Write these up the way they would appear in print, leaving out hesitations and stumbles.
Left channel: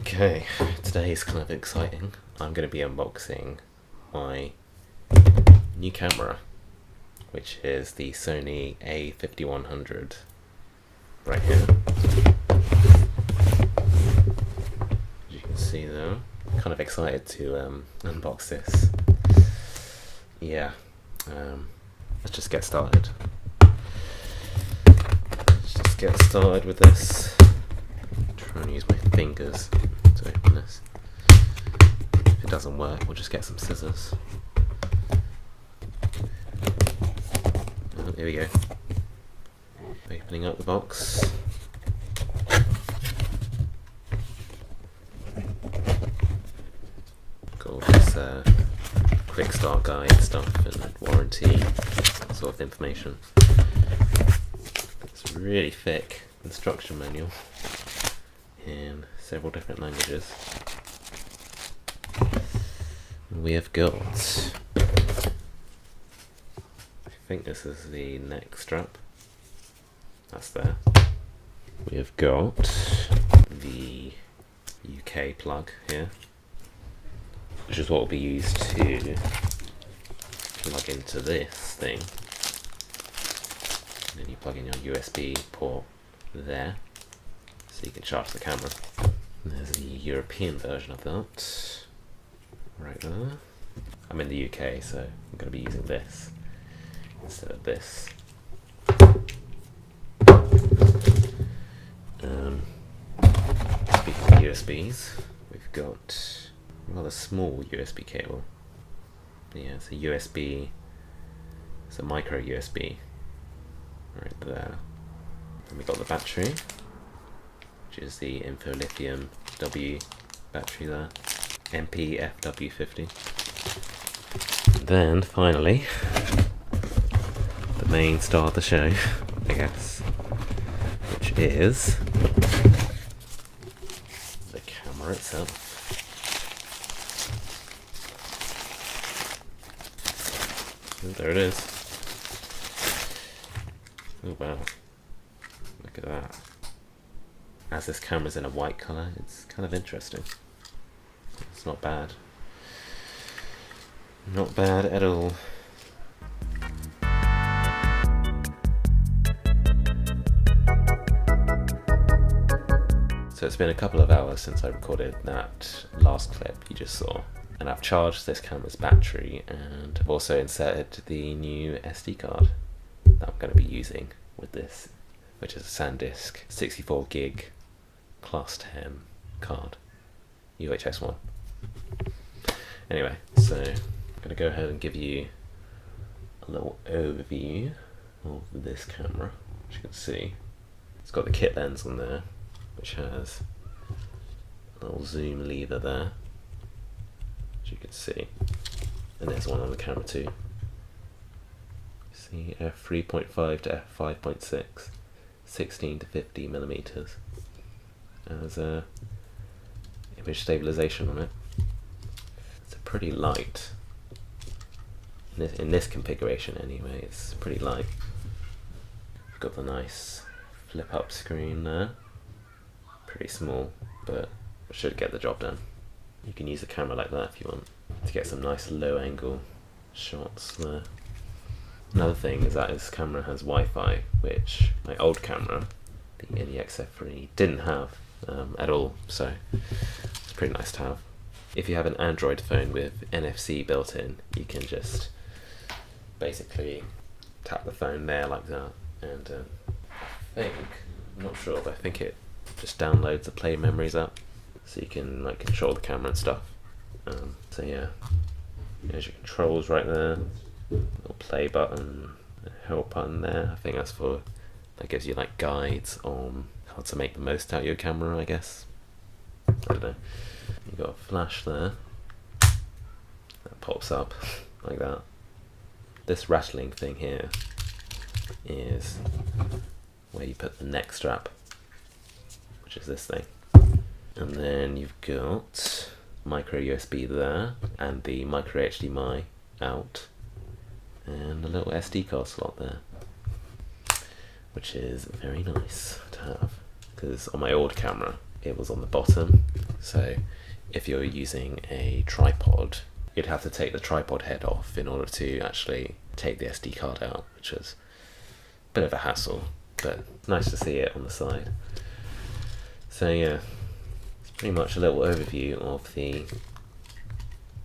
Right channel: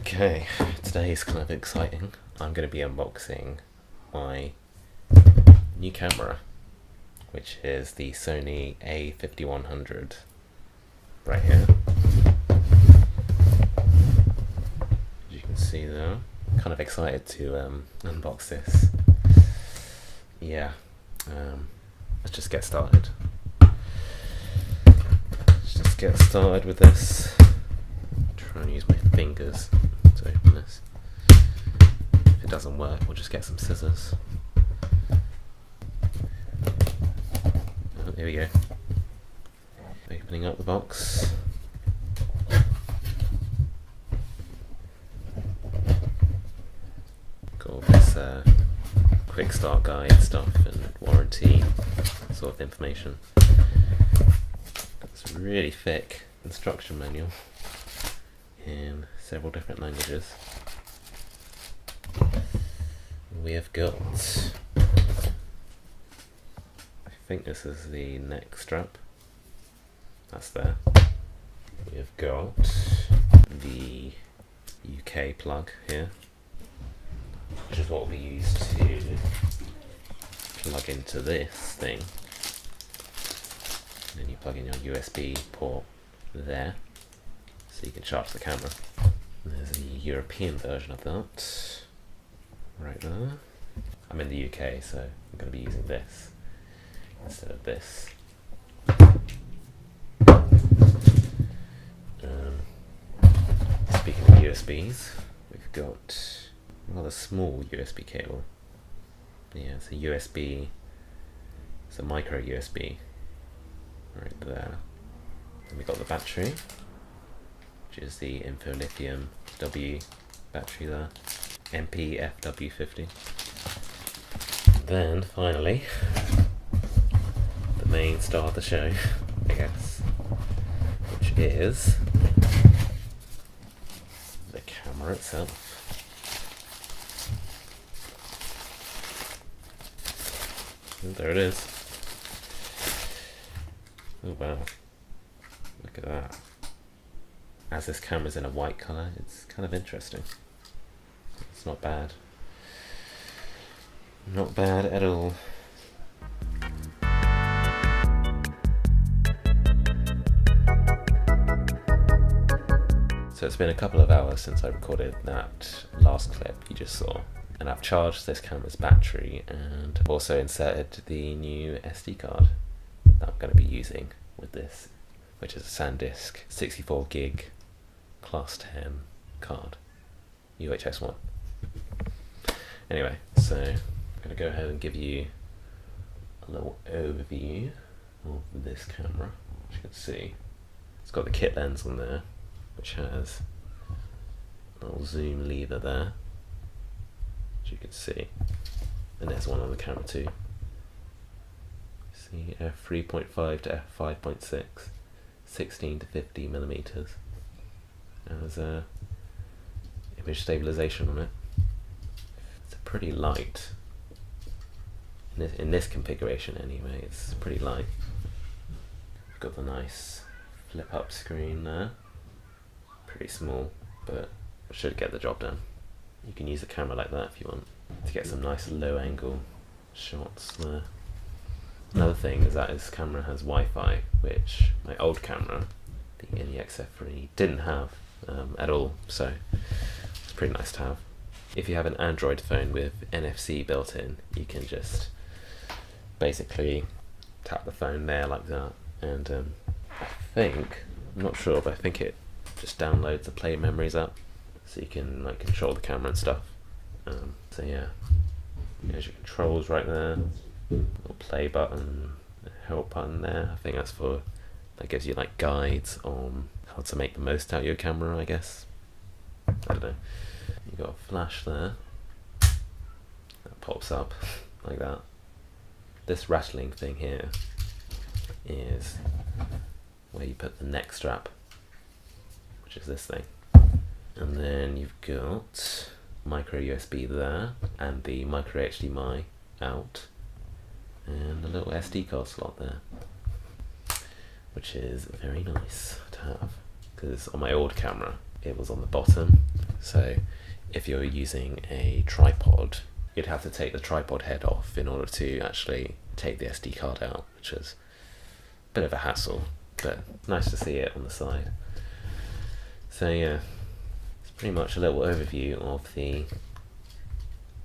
Okay, today is kind of exciting. I'm going to be unboxing my new camera, which is the Sony a5100 right here. As you can see there, kind of excited to unbox this. Yeah, let's just get started. With this. Try and use my fingers to open this. If it doesn't work, we'll just get some scissors. Oh, here we go. Opening up the box. Got all this quick start guide stuff and warranty sort of information. It's a really thick instruction manual in several different languages. We have got, I think this is the neck strap, that's there. We have got the UK plug here, which is what will be used to plug into this thing. And then you plug in your USB port there, so you can charge the camera. And there's the European version of that, right there. I'm in the UK, so I'm going to be using this instead of this. Speaking of USBs, we've got a rather small USB cable. Yeah, it's a USB, it's a micro USB right there. Then we got the battery, which is the Info Lithium W battery there, MPFW50. Then finally, the main star of the show, I guess, which is the camera itself. And there it is. Oh wow, look at that. As this camera's in a white colour, it's kind of interesting. It's not bad. Not bad at all. So it's been a couple of hours since I recorded that last clip you just saw. And I've charged this camera's battery, and I've also inserted the new SD card that I'm going to be using with this, which is a SanDisk 64 gig class 10 card, UHS 1. Anyway, so I'm going to go ahead and give you a little overview of this camera. As you can see, it's got the kit lens on there, which has a little zoom lever there, as you can see, and there's one on the camera too. See, f3.5 to f5.6, 16 to 50 millimeters. There's a image stabilization on it. It's a pretty light. In this configuration anyway, it's pretty light. We've got the nice flip up screen there. Pretty small, but it should get the job done. You can use a camera like that if you want to get some nice low angle shots there. Another thing is that this camera has Wi-Fi, which my old camera, the NEX-F3, didn't have at all, so it's pretty nice to have. If you have an Android phone with NFC built in, you can just basically tap the phone there like that, and I'm not sure, but I think it just downloads the Play Memories app, so you can like control the camera and stuff. So yeah, there's your controls right there. Little play button, help button there. I think that gives you like guides on how to make the most out of your camera, I guess. I don't know. You got a flash there that pops up like that. This rattling thing here is where you put the neck strap, which is this thing. And then you've got micro USB there, and the micro HDMI out, and a little SD card slot there, which is very nice to have, because on my old camera it was on the bottom, So if you're using a tripod, you'd have to take the tripod head off in order to actually take the SD card out, which is a bit of a hassle, but nice to see it on the side. So yeah, it's pretty much a little overview of the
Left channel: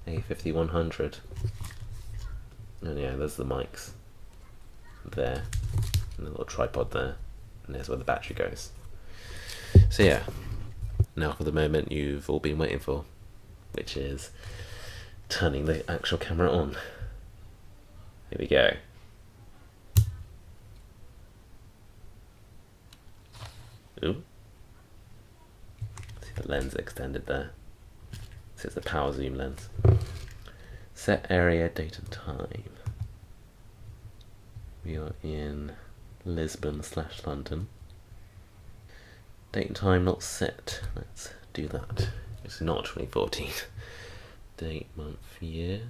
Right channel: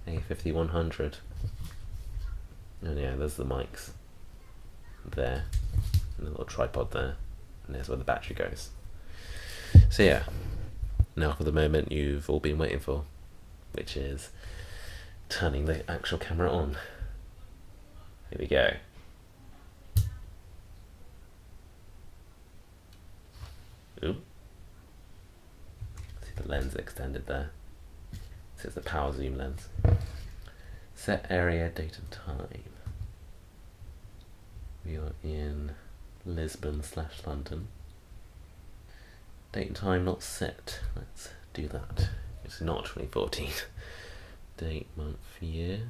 a5100. And yeah, there's the mics there, and the little tripod there, and there's where the battery goes. So yeah, now for the moment you've all been waiting for, which is turning the actual camera on. Here we go. Ooh. See the lens extended there. This is the power zoom lens. Set area, date and time. We are in Lisbon/London. Date and time not set. Let's do that. It's not 2014. Date, month, year.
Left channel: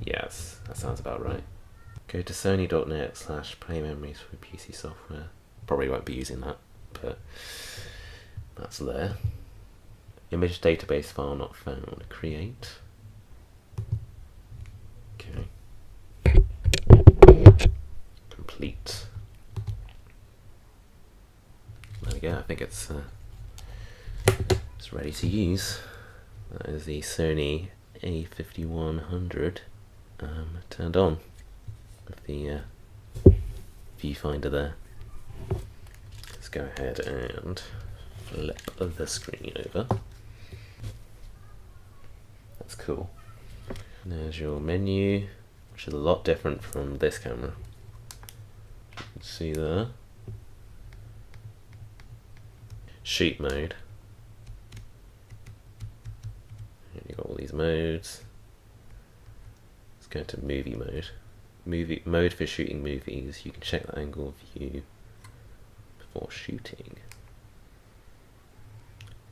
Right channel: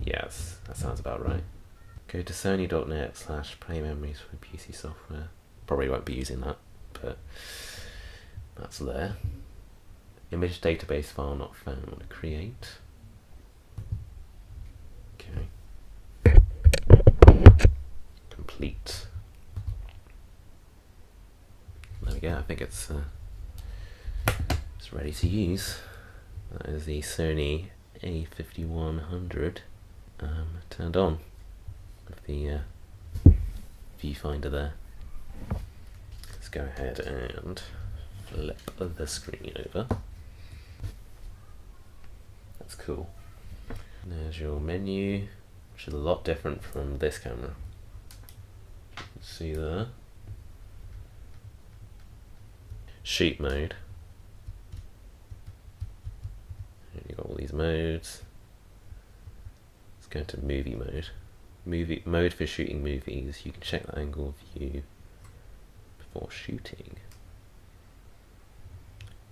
Yes, that sounds about right. Go to sony.net/play memories for PC software. Probably won't be using that, but that's there. Image database file not found. Create. Okay. Complete. There we go. I think it's ready to use. That is the Sony a5100 turned on with the viewfinder there. Let's go ahead and flip the screen over. That's cool. And there's your menu, which is a lot different from this camera. You can see there. Shoot mode. And you've got all these modes. Let's go to movie mode. Movie mode for shooting movies. You can check the angle of view before shooting.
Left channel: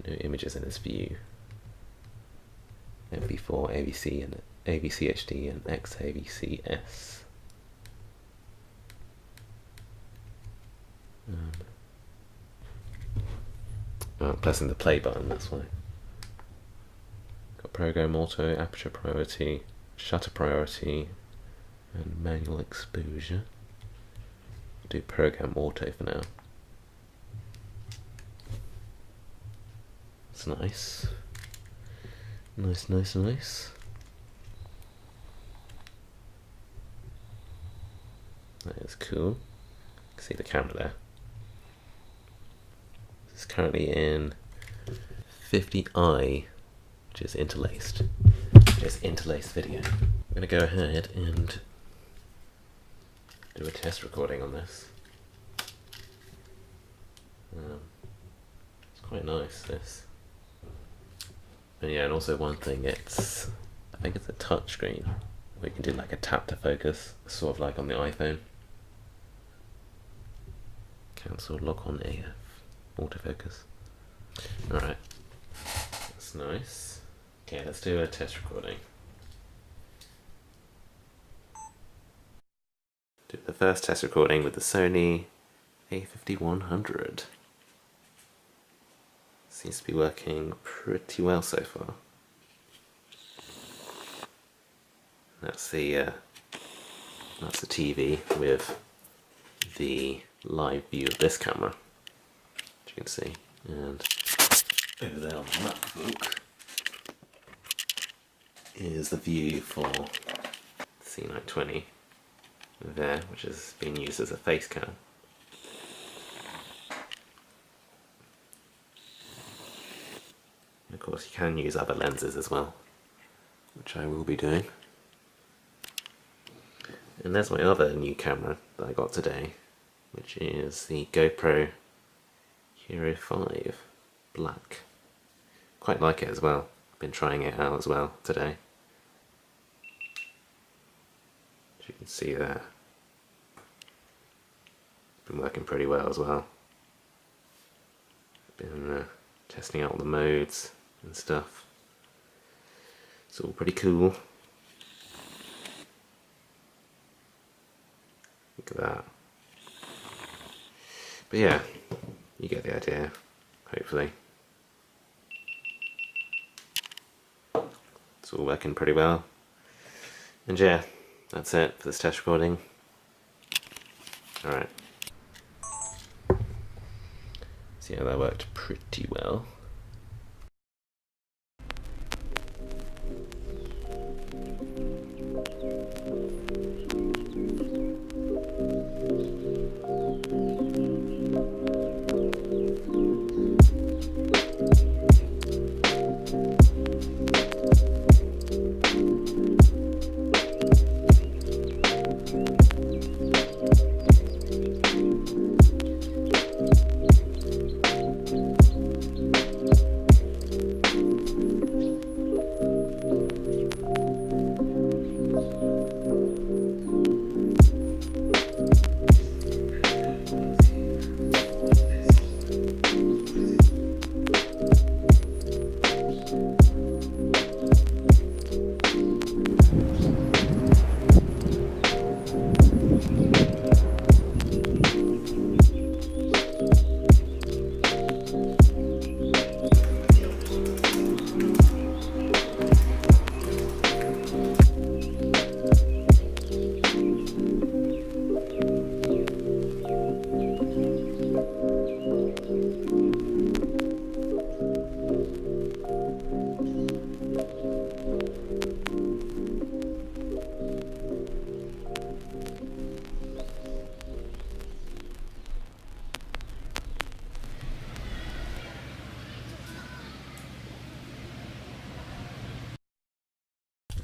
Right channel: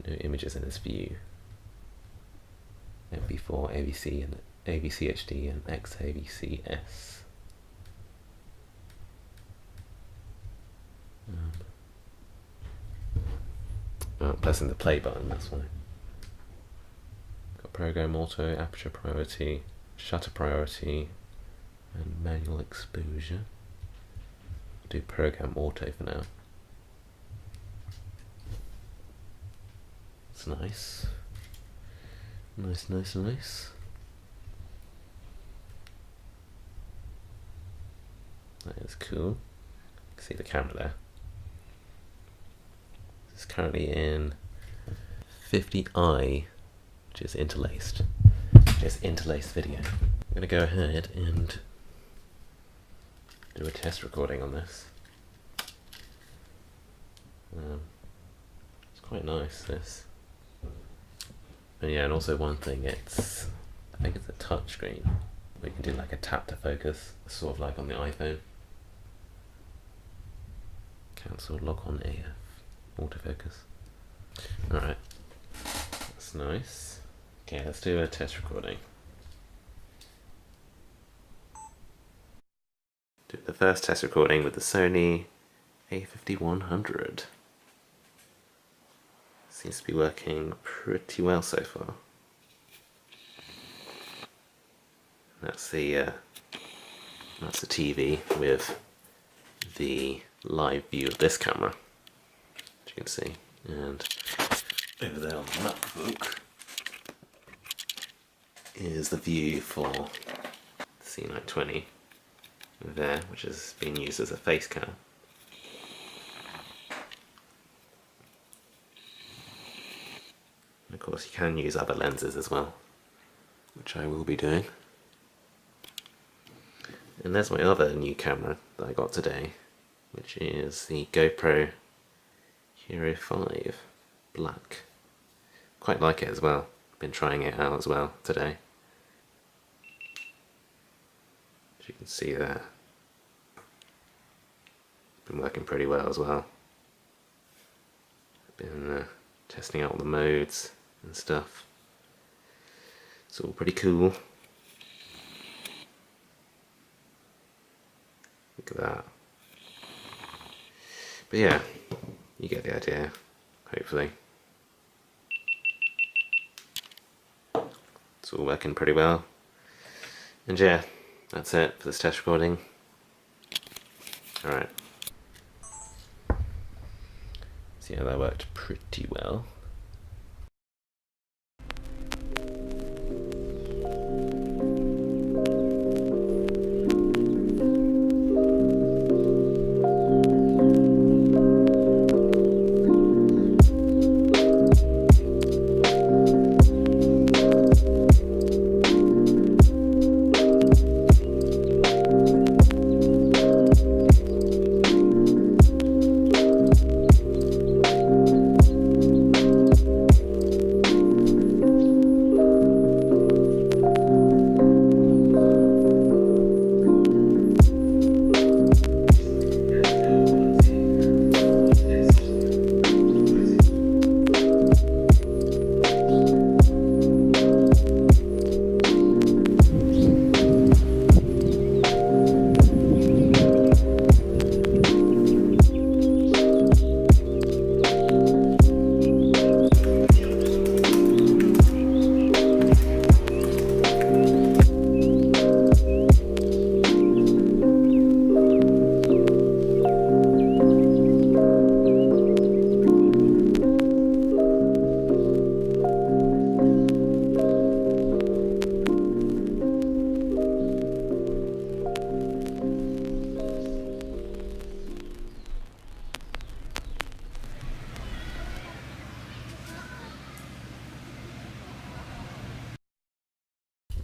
No images in this view. MP4, AVC, and AVC HD, and XAVC-S. Pressing the play button, that's why. Got program auto, aperture priority, shutter priority, and manual exposure. Do program auto for now. It's nice. Nice, nice, nice. That is cool. You can see the camera there. It's currently in 50i, which is interlaced. It's interlaced video. I'm going to go ahead and do a test recording on this. It's quite nice, this. And yeah, and also one thing, I think it's a touch screen where you can do like a tap to focus, sort of like on the iPhone. Cancel lock on AF. Autofocus. Alright, that's nice. Okay, let's do a test recording. Do the first test recording with the Sony a5100. Seems to be working pretty well so far. That's the TV with the live view of this camera, as you can see, and over there on the MacBook is the view for C920 there, which is being used as a face cam. And of course you can use other lenses as well, which I will be doing. And there's my other new camera that I got today, which is the GoPro Hero 5 Black. Quite like it as well. Been trying it out as well today. As you can see there. Been working pretty well as well. Been testing out all the modes and stuff. It's all pretty cool. Look at that. But yeah, you get the idea, hopefully. It's all working pretty well. And yeah, that's it for this test recording. Alright. So yeah, that worked pretty well.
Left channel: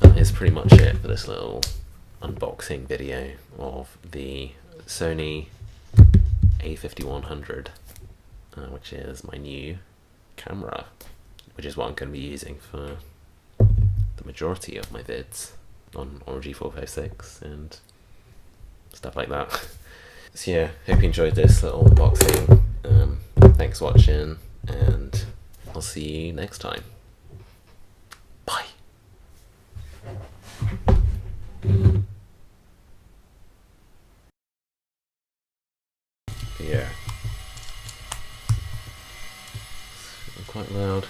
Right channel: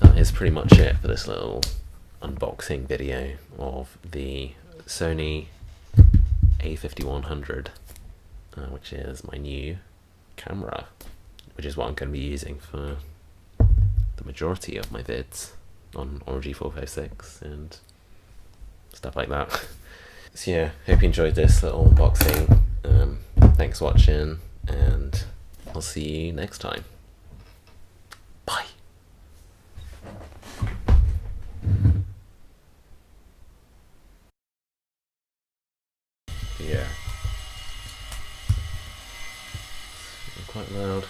That is pretty much it for this little unboxing video of the Sony a5100, which is my new camera, which is what I'm going to be using for the majority of my vids on G456 and stuff like that. So yeah, hope you enjoyed this little unboxing. Thanks for watching, and I'll see you next time. Bye. Yeah, it's quite loud.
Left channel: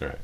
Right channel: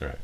All right.